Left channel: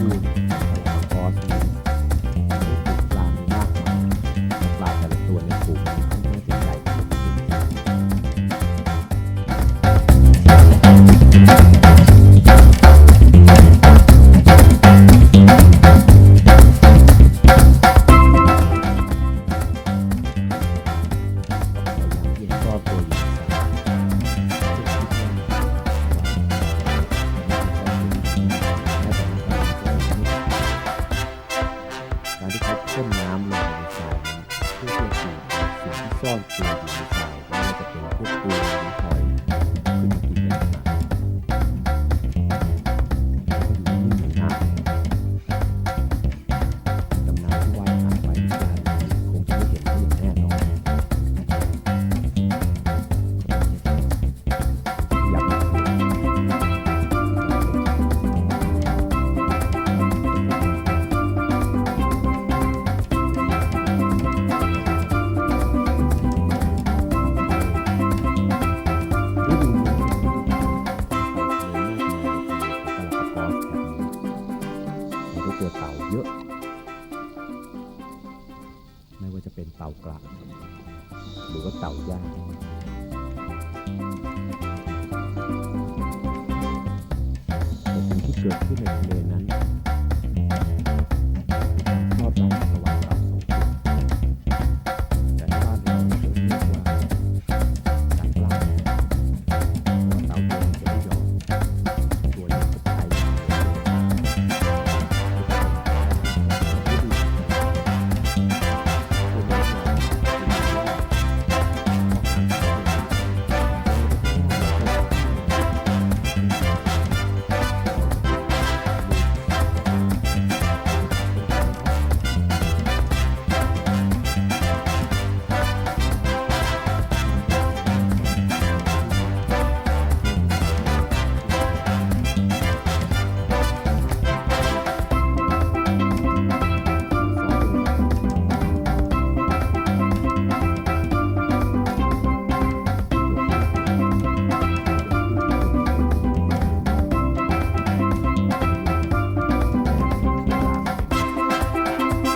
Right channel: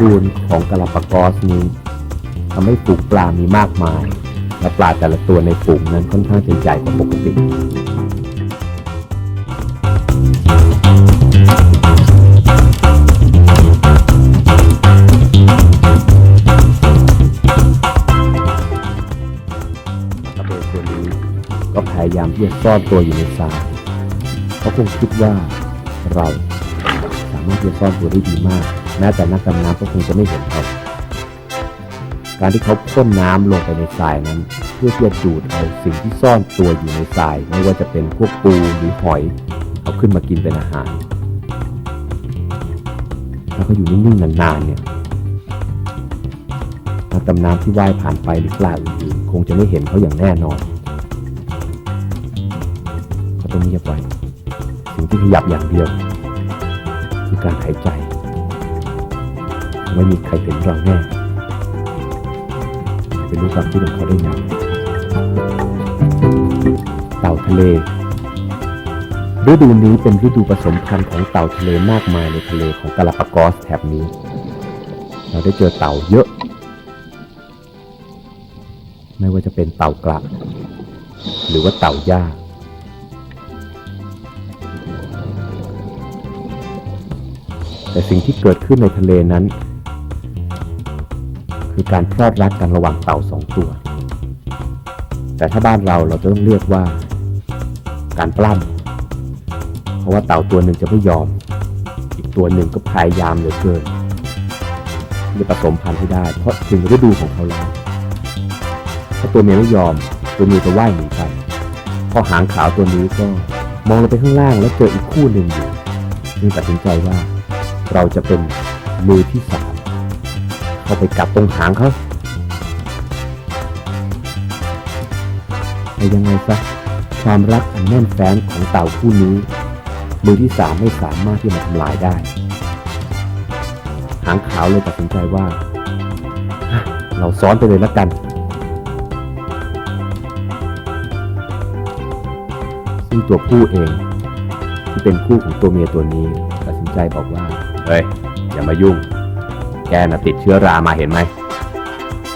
บูรณ์ของกาลาปากอสนี้ทำให้ฝูงปลามีมากมาย และปลาแต่ละตัวในฝูงนั้นค่อนข้างจะใหญ่กว่าปกติกระเบนตัวนี้ก็พยายามที่จะซ่อนตัวอยู่ในทรายเขาคงคิดว่าเราสามารถที่จะซ่อนตัวได้ดีมาก แม้แต่นักดำน้ำก็คงจะไม่เห็นเขาการที่เขาพ่นน้ำลงไปในทรายนั้น เพื่อที่จะดูดเอาสิ่งที่ซ่อนตัวอยู่ในทราย ไม่ว่าจะเป็นพวกปูหรือหอยเอาขึ้นมากินเป็นอาหาร แล้วก็อยู่นิ่งๆนานๆเนี่ยนักดำน้ำที่ว่ายผ่านไปหรือปลาอื่นๆคงจะไม่เห็นเขาอย่างแน่นอนเขาต้องเงียบไปสิ่งที่ขยับอย่างเดียวคือการหายใจ ไม่มีใครเห็นเราแน่เป็นรู้ความคิดของเขาได้ไงเต่าทะเล ฤดูนี้เป็นฤดูผสมพันธุ์ของเต่าทะเลมากมายในทะเลของกาลาปากอสแถบนี้ เราได้เจอเต่าเยอะ ไม่ว่าจะเป็นเต่ากระหรือว่าเต่าย่าแต่สิ่งที่เกิดขึ้นในทะเลนั้น คือการพลอดรักกันระหว่างเต่าสองตัว แต่ถ้าบ้านเราเราจะต้องเรียกว่า การปล้ำเพราะว่าเต่าตัวหนึ่งจะไม่ยอม อีกตัวหนึ่งก็พยายามเหลือเกินจะผสมพันธุ์ให้ได้ เพราะถึงฤดูของเขาแล้วถ้าตัวเมียไม่ยอม ตัวเมียจะว่ายหนีไปพอหางขาวตัวนี้ก็มองลงไปข้างล่างแล้วเจออีกคู่หนึ่งอยู่จึงตัดสินใจว่า เราจะเป็นมือที่สามาไปจับตรงหางเขาแต่ยังไงซะความรักอันแน่นแฟ้นของเต่าคู่นี้ มือที่สามไม่สามารถที่จะทำลายได้ หางขาวเลยตัดสินใจว่า เราซ้อนไปเลยละกันซึ่งตัวผู้เอง ที่เป็นคู่ของตัวเมียตัวนี้ตัดสินใจบอกว่า เฮ้ย อย่ามายุ่ง นะติดเชื้อรามาเห็นไหม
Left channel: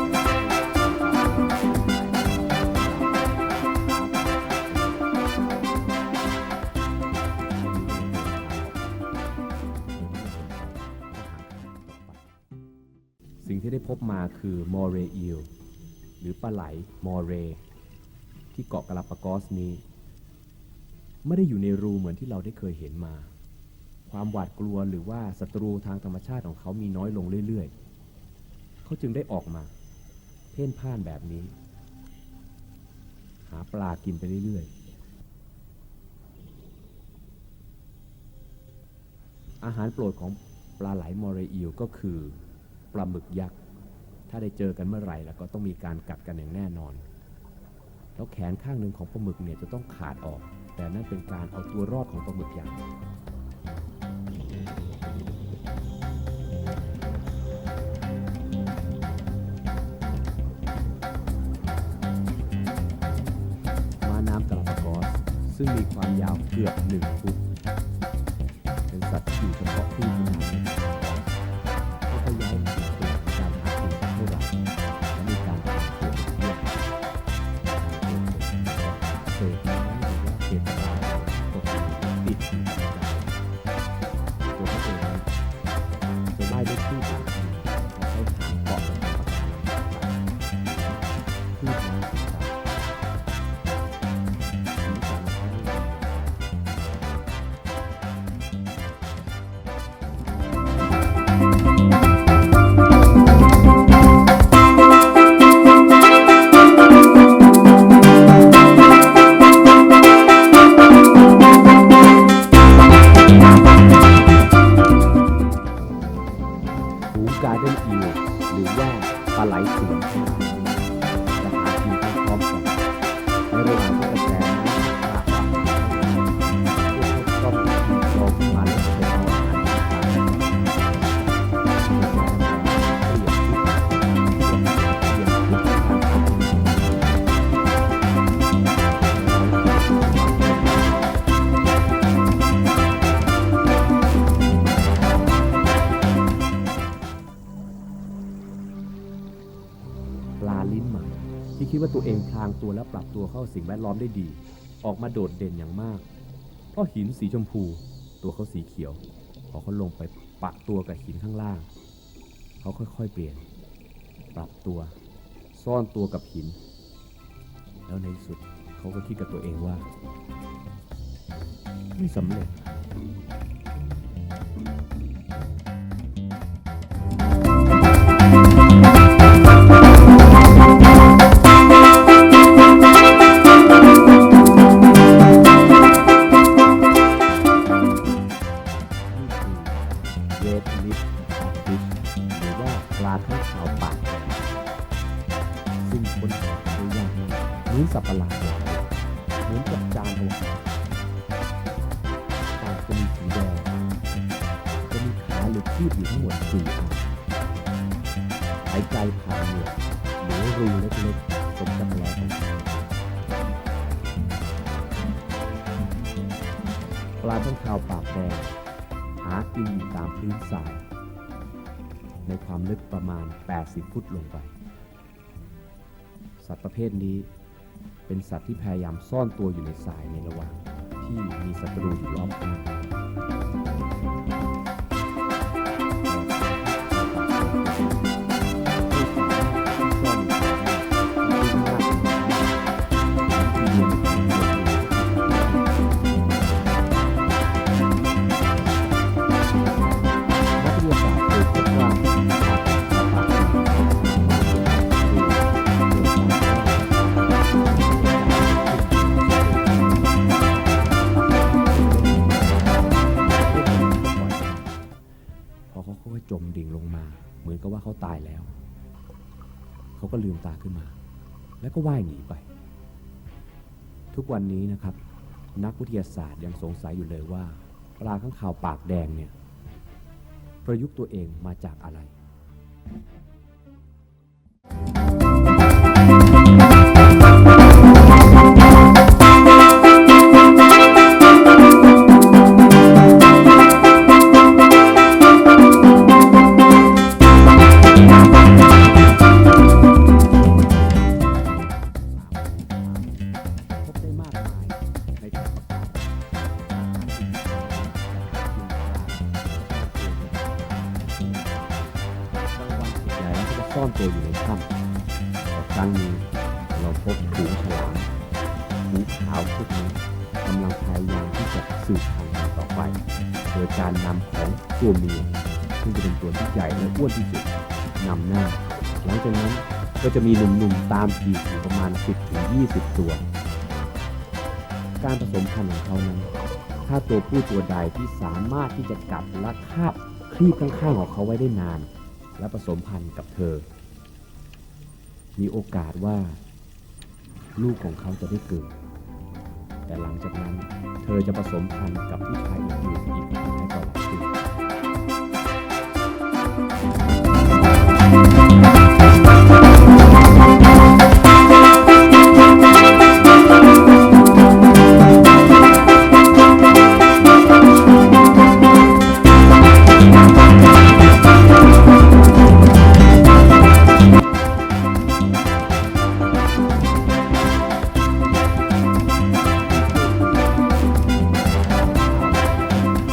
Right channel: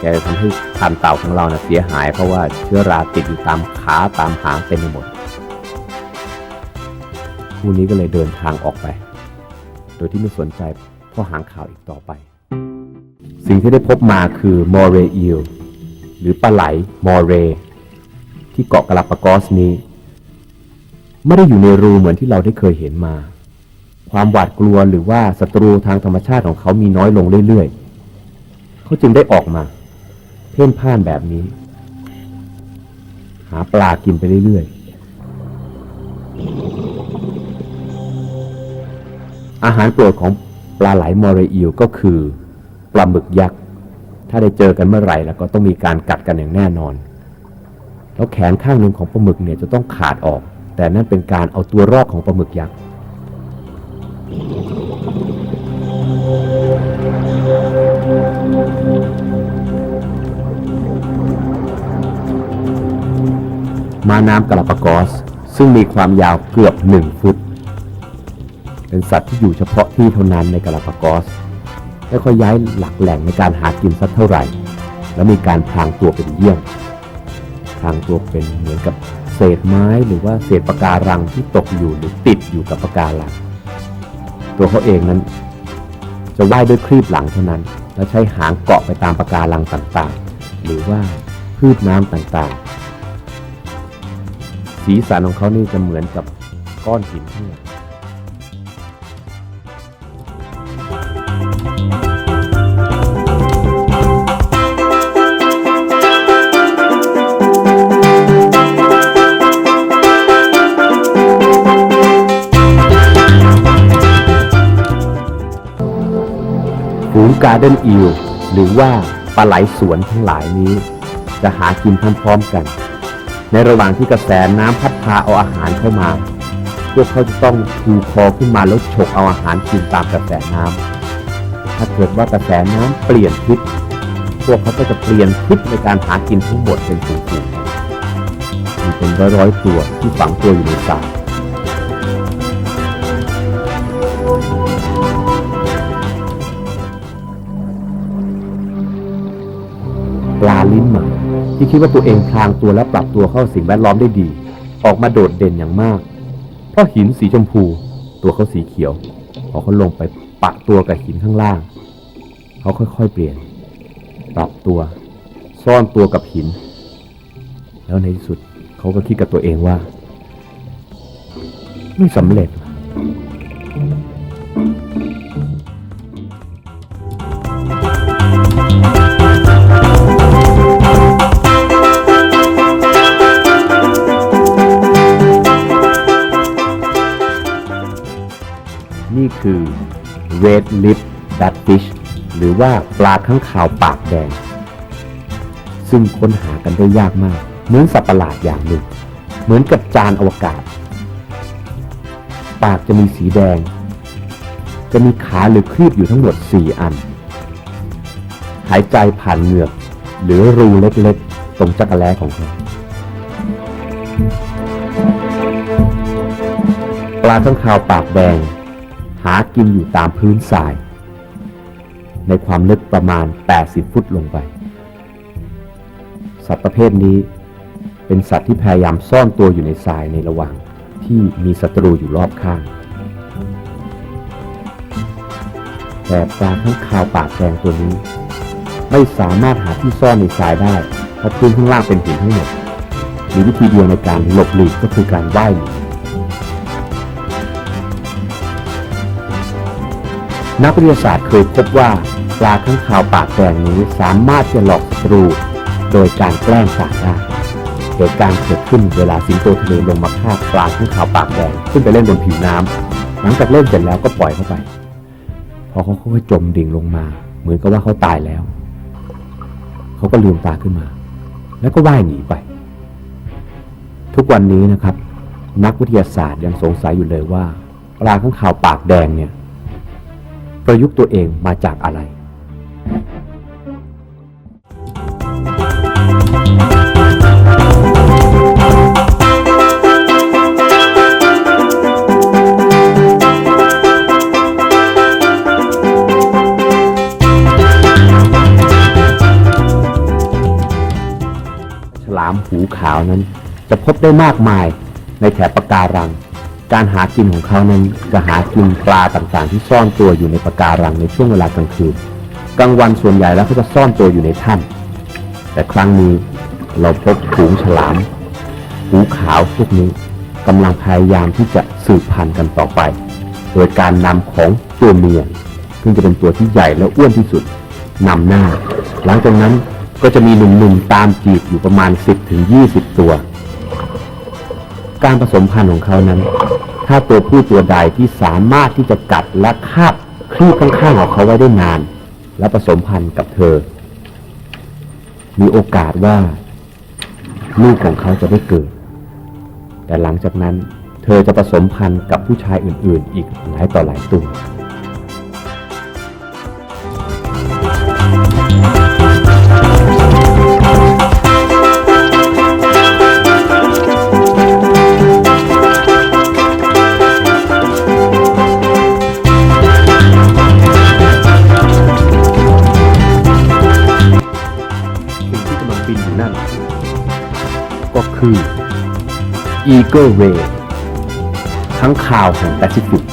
แกทำให้พันเต่าของเรานะเสียหาย เพราะว่าเชื้อราติดอยู่ตามขาตามหางเต็มไปหมดคู่นี้ก็เลยเดินทางออกไป โดยที่ไม่สนใจข้อหางข่าวอีกต่อไป สิ่งที่ได้พบมาคือมอเรอิลหรือปลาไหลมอเร ที่เกาะกลาปากอสนี้ ไม่ได้อยู่ในรูเหมือนที่เราได้เคยเห็นมา ความหวาดกลัวหรือว่าศัตรูทางธรรมชาติของเขามีน้อยลงเรื่อยๆ เขาจึงได้ออกมา เพ่นพ่านแบบนี้ หาปลากินไปเรื่อยๆ อาหารโปรดของปลาไหลมอเรอิลก็คือปลาหมึกยักษ์ ถ้าได้เจอกันเมื่อไหร่แล้วก็ต้องมีการกัดกันอย่างแน่นอน แล้วแขนข้างหนึ่งของปลาหมึกเนี่ยจะต้องขาดออก แต่นั่นเป็นการเอาตัวรอดของปลาหมึกยักษ์ ม้าน้ำกาลาปากอส ซึ่งมีความยาวเกือบหนึ่งฟุต เป็นสัตว์ที่อยู่เฉพาะที่เท่านั้นในกาลาปากอส ไม่ค่อยย้ายหลักแหล่งในการหากินสักเท่าไหร่ แล้วมีการพรางตัวเป็นเยี่ยงพรางตัวเป็นเหมือนกับเศษไม้หรือว่าเศษปะการังที่ตกอยู่หรือติดอยู่กับปะการังตัวเขาเองนั้น จะว่ายด้วยครีบหลังเท่านั้น และใช้หางเกาะไปตามปะการังต่างๆ หรือว่าคลืบน้ำต่างๆ สีสันของเขานี่จะเหมือนกับก้อนหินที่ฝูงการ์เดนอิลหรือว่าปลาไหลสวนทั้งหลายนี้ จะหากินพร้อมๆกัน ในระหว่างที่กระแสน้ำพัดพาเอาอาหารเข้ามา พวกเขาต้องชูคอขึ้นมาแล้วฉกเอาอาหารกินตามกระแสน้ำถ้าเกิดว่ากระแสน้ำเปลี่ยนทิศพวกเขาก็จะเปลี่ยนทิศในการหากินทั้งหดเป็นจริงๆมันเป็นร้อยๆตัวที่ฝังตัวอยู่ในป่าปลาลิ้นหมา ที่คิดว่าตัวเองพลางตัวและปรับตัวเข้าสิ่งแวดล้อมได้ดี ออกมาโดดเด่นอย่างมาก เพราะหินสีชมพู ตัวเขาสีเขียว พอเขาลงไปปะตัวกับหินข้างล่าง เขาค่อยๆเปลี่ยน ปรับตัว ซ่อนตัวกับหิน แล้วในที่สุดเขาก็คิดกับตัวเองว่า ไม่สำเร็จ Red Lip Batfish หรือว่าปลาข้างขาวปากแดง ซึ่งค้นหากันได้ยากมาก เหมือนสัตว์ประหลาดอย่างหนึ่ง เหมือนกับจานอวกาศ ปากจะมีสีแดง จะมีขาหรือครีบอยู่ทั้งหมด 4 อัน หายใจผ่านเหงือก หรือรูเล็กๆ ตรงจักรแล้ของเขาปลาข้างคาวปากแดง หากินอยู่ตามพื้นทราย ในความลึกประมาณ 80 ฟุตลงไป สัตว์ประเภทนี้ เป็นสัตว์ที่พยายามซ่อนตัวอยู่ในทรายในระหว่างที่มีศัตรูอยู่รอบข้างแต่ปลาข้งคาวปากแดงตัวนี้ ไม่สามารถหาที่ซ่อนในทรายได้เพราะพื้นข้างล่างเป็นหินทั้งหมดมีวิธีเดียวในการหลบหลีกก็คือการว่ายหนี นักวิทยาศาสตร์เคยพบว่าปลาข้างคาวปากแดงนี้สามารถจะหลอกศัตรู โดยการแกล้งสัตว์ได้เหตุการณ์เกิดขึ้นเวลาสิงโตทะเลลงมาฆ่าปลาข้างคาวปากแดงขึ้นไปเล่นบนผิวน้ำหลังจากเล่นเสร็จแล้วก็ปล่อยเข้าไป พอเขาค่อยจมดิ่งลงมา เหมือนกับว่าเขาตายแล้ว เขาก็ลืมตาขึ้นมา แล้วก็ว่ายหนีไป ทุกวันนี้นะครับ นักวิทยาศาสตร์ยังสงสัยอยู่เลยว่าปลาข้างคาวปากแดงเนี่ย ประยุกต์ตัวเองมาจากอะไร ฉลามหูขาวนั้น จะพบได้มากมายในแถบปะการัง การหากินของเขานั้นจะหากินปลาต่างๆ ที่ซ่อนตัวอยู่ในปะการังในช่วงเวลากลางคืนกลางวันส่วนใหญ่แล้วเขาจะซ่อนตัวอยู่ในถ้ำแต่ครั้งนี้เราพบฝูงฉลามหูขาวพวกนี้กำลังพยายามที่จะสืบพันธุ์กันต่อไป โดยการนำของตัวเมียซึ่งจะเป็นตัวที่ใหญ่และอ้วนที่สุดนำหน้า หลังจากนั้นก็จะมีหนุ่มๆตามจีบอยู่ประมาณ 10-20 ตัว การผสมพันธุ์ของเขานั้น ถ้าตัวผู้ตัวใดที่สามารถที่จะกัดและคาบคลีบข้างๆของเขาไว้ได้นาน และผสมพันธุ์กับเธอ มีโอกาสว่าลูกของเขาจะได้เกิด แต่หลังจากนั้นเธอจะผสมพันธุ์กับผู้ชายอื่นๆ อีกหลายต่อหลายตัว แปซิฟิก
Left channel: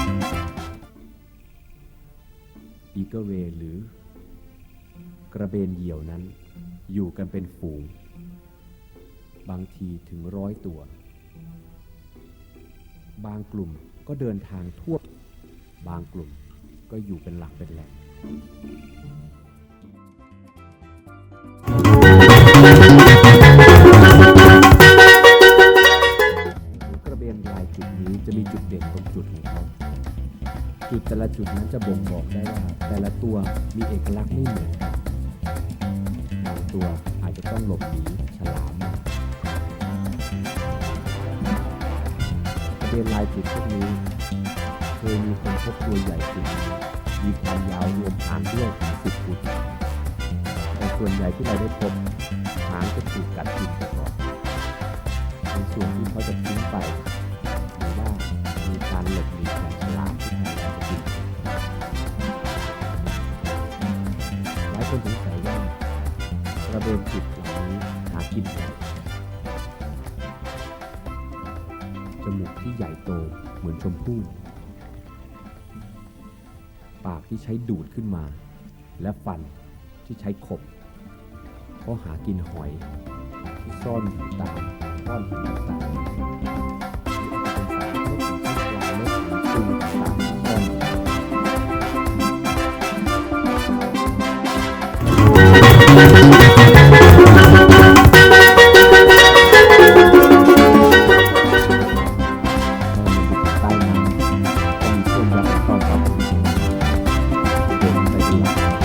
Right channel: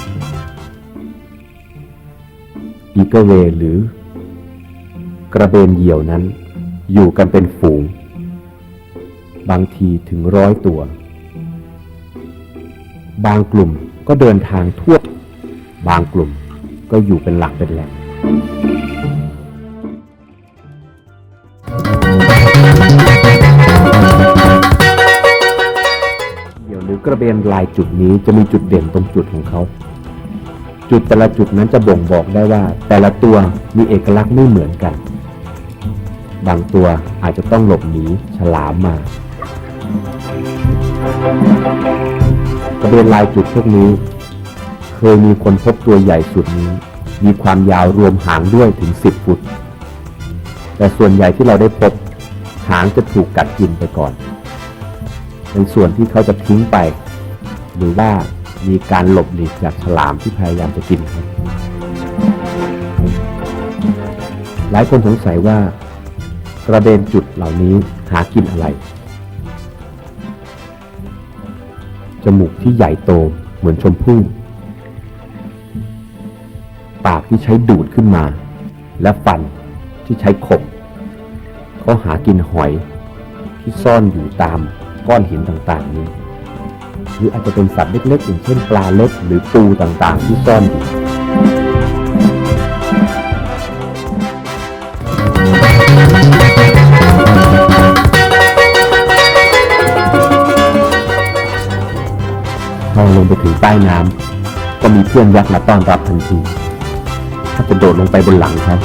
อีเกเวหรือกระเบนเหยี่ยวนั้น อยู่กันเป็นฝูง บางทีถึงร้อยตัว บางกลุ่มก็เดินทางทั่ว บางกลุ่มก็อยู่เป็นหลักเป็นแหล่ง รือกระเบนลายจุดนี้จะมีจุดเด่นตรงจุดของเขา จุดแต่ละจุดนั้นจะบ่งบอกได้ว่า แต่ละตัวมีเอกลักษณ์ไม่เหมือนกัน บางตัวอาจจะต้องหลบหนีฉลามมากระเบนลายจุดพวกนี้ เคยมีคนพบตัวใหญ่สุดนี้ มีความยาวรวมหางด้วยถึง 10 ฟุต แต่ส่วนใหญ่ที่เราได้พบหางจะถูกกัดกินไปก่อน ในส่วนที่เขาจะทิ้งไป หรือว่ามีการหลบหลีกจากฉลามที่พยายามจะกิน หลายคนสงสัยว่ากระเด็นจุดเหล่านี้หากินอะไร จมูกที่ใหญ่โตเหมือนชมพู่ ปากที่ใช้ดูดขึ้นมา และฟันที่ใช้ขบเขาหากินหอยที่ซ่อนอยู่ตาม ก้อนหินต่างๆนี้หรืออาจจะเป็นสัตว์เล็กๆอย่างเช่นปลาเล็กหรือปูต่างๆ ที่ซ่อนอยู่พอลงไปถึงใต้น้ำก็มีเพื่อนยักษ์มาต้อนรับทันทีถ้ากระโดดลงไปบนหลังเขา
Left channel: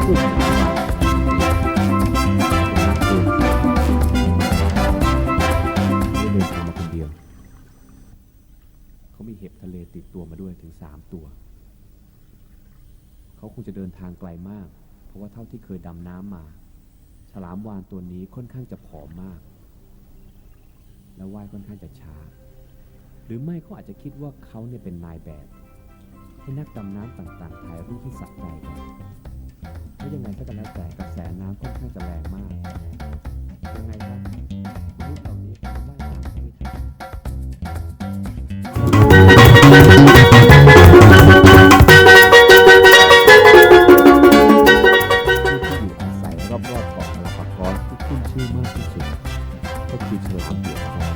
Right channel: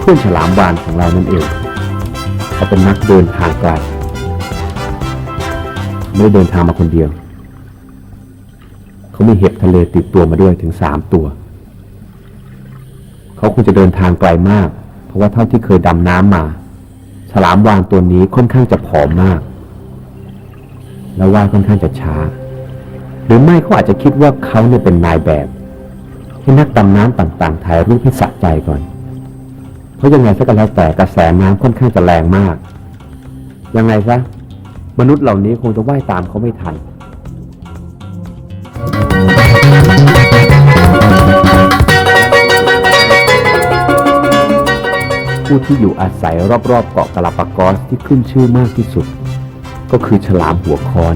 เพื่อนฉลามวานของเรานั่นเองเขาเป็นนักเดินทางไกล ไม่ได้เดินทางมาคนเดียว เขามีเห็บทะเลติดตัวมาด้วยถึงสามตัว เขาคงจะเดินทางไกลมาก เพราะว่าเท่าที่เคยดำน้ำมา ฉลามวานตัวนี้ค่อนข้างจะผอมมาก แล้วว่ายค่อนข้างจะช้า หรือไม่เขาอาจจะคิดว่าเขาเนี่ยเป็นนายแบบให้นักดำน้ำต่างๆ ถ่ายรูปให้สะใจก่อน เพราะยังไงสักแล้วแต่กระแสน้ำค่อนข้างจะแรงมาก ยังไงซะ มนุษย์เหล่านี้คงจะว่ายตามเขาไม่ทัน ผู้ที่อยู่อาศัยรอบๆเกาะกาลาปากอสที่ขึ้นชื่อมากที่สุด ก็คือฉลามหัวค้อน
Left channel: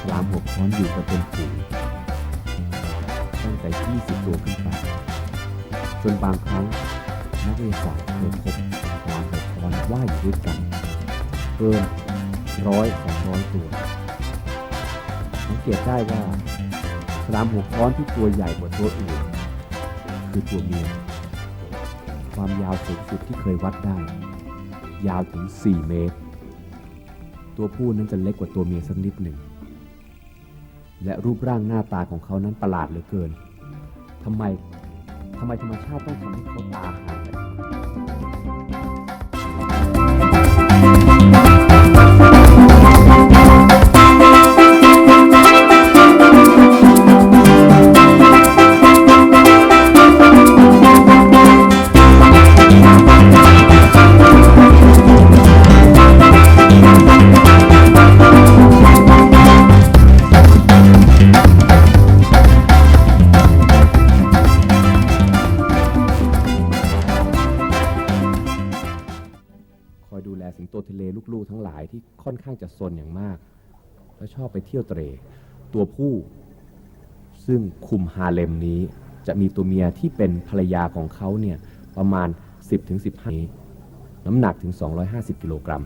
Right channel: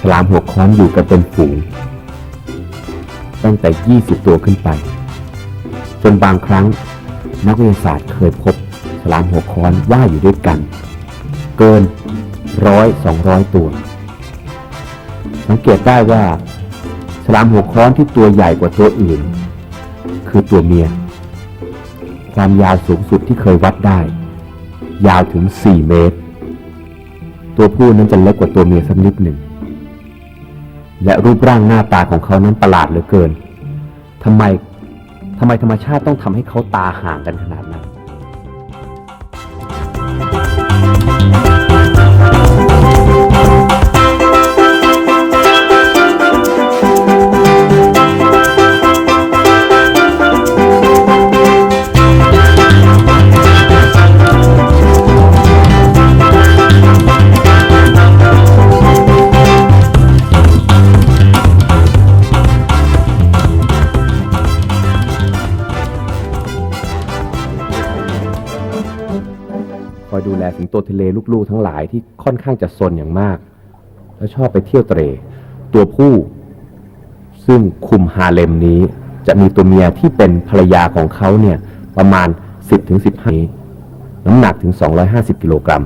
ฉลามหัวค้อนอยู่กันเป็นฝูง ตั้งแต่ 20 ตัวขึ้นไปจนบางครั้งนักวิทยาศาสตร์เคยพบฉลามหัวค้อนว่าอยู่ด้วยกัน เกินร้อยสองร้อยตัว สังเกตได้ว่าฉลามหัวค้อนที่ตัวใหญ่กว่าตัวอื่น คือตัวเมีย ความยาวสูงสุดที่เคยวัดได้ ยาวถึง 4 เมตร ตัวผู้นั้นจะเล็กกว่าตัวเมียสักนิดหนึ่ง และรูปร่างหน้าตาของเขานั้นประหลาดเหลือเกินทำไมทำไมธรรมชาติต้องทำให้เขาตาห่างกันขนาดนั้น ทะเลลูกๆทั้งหลายที่ค่อนข้างจะซนอย่างมาก และชอบไปเที่ยวเตรตัวผู้ ซึ่งคุมฮาเลมนี้ จะมีตัวเมียที่เป็นภรรยาของเขาเนี่ยประมาณ 10-15ถึง15น้ำหนักถึง 250 กิโลกรัม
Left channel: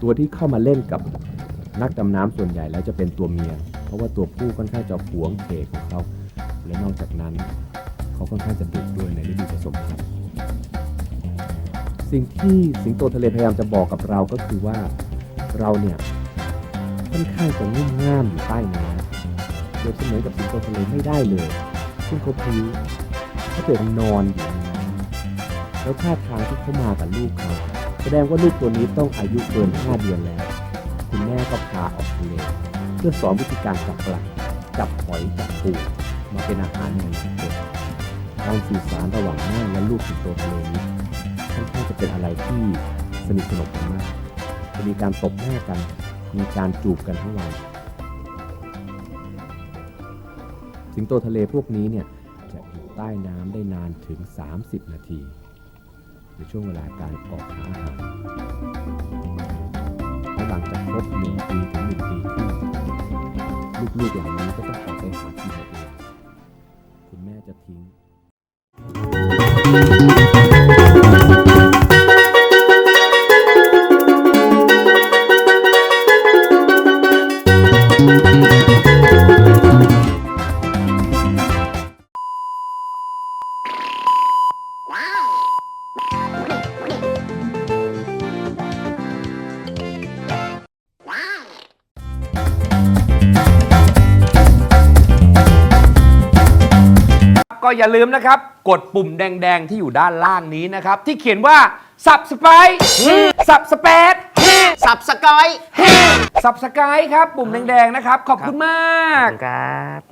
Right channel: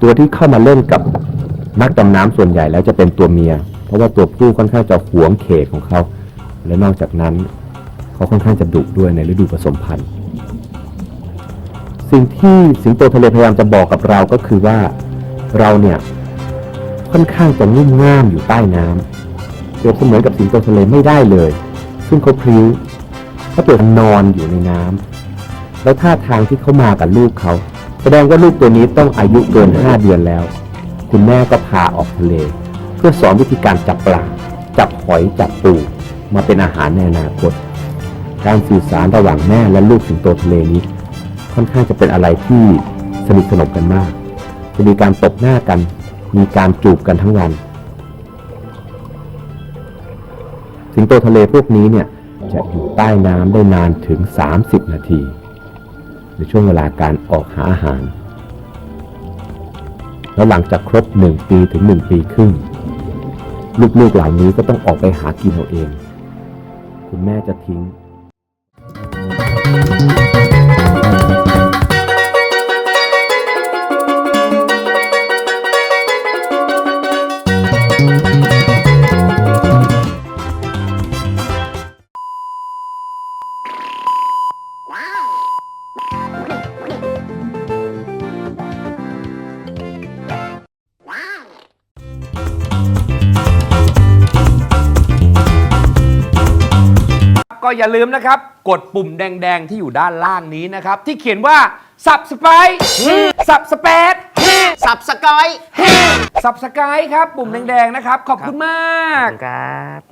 ตัวที่เข้ามาเล่นกับนักดำน้ำส่วนใหญ่แล้วจะเป็นตัวเมีย เพราะว่าตัวผู้ค่อนข้างจะหวงเขตของเขา และนอกจากนั้น เขาค่อนข้างจะดุด้วยในฤดูผสมพันธุ์ สิ่งที่สิงโตทะเลพยายามจะบอกกับเราก็คือว่าเราเนี่ยค่อนข้างจะงุ่มง่ามอยู่ใต้น้ำเปรียบเสมือนกับสิงโตทะเลไม่ได้เลย ซึ่งเขาพริ้วเขาเปรียบนอนอยู่ในน้ำแล้วท่าทางที่เขามากับลูกเขา แสดงว่าลูกตัวนี้ต้องอายุเกินห้าเดือนแล้ว คุณแม่ก็พาออกทะเล เพื่อสอนวิธีการจับปลาจับหอยจับปูมาเป็นอาหารในอนาคต การสื่อสารระหว่างแม่และลูกสิงโตทะเลนี้ ค่อนข้างจะเป็นอะไรที่สนิทสนมกันมาก จะมีการตบหน้ากัน มีการจูบกันทั้งวัน สิงโตทะเลพวกนี้เนี่ยจะอยู่ใต้น้ำได้นานถึง 30 นาที ในช่วงเวลาการออกหาอาหาร แล้วหลังจากครบ 1 ปีถึง 1 ปีครึ่งลูกๆเหล่านี้ก็ต้องออกไปหากินเอาเอง คุณแม่จะทิ้ง ก็อย่าลืมนะครับ กดปุ่มแดง ๆ ที่อยู่ด้านล่างนี้นะครับ ที่เขียนว่า subscribe subscribe สับสกอย subscribe ครับ ปุ่มแดง ๆ นะครับ ขอบคุณมาก ครับ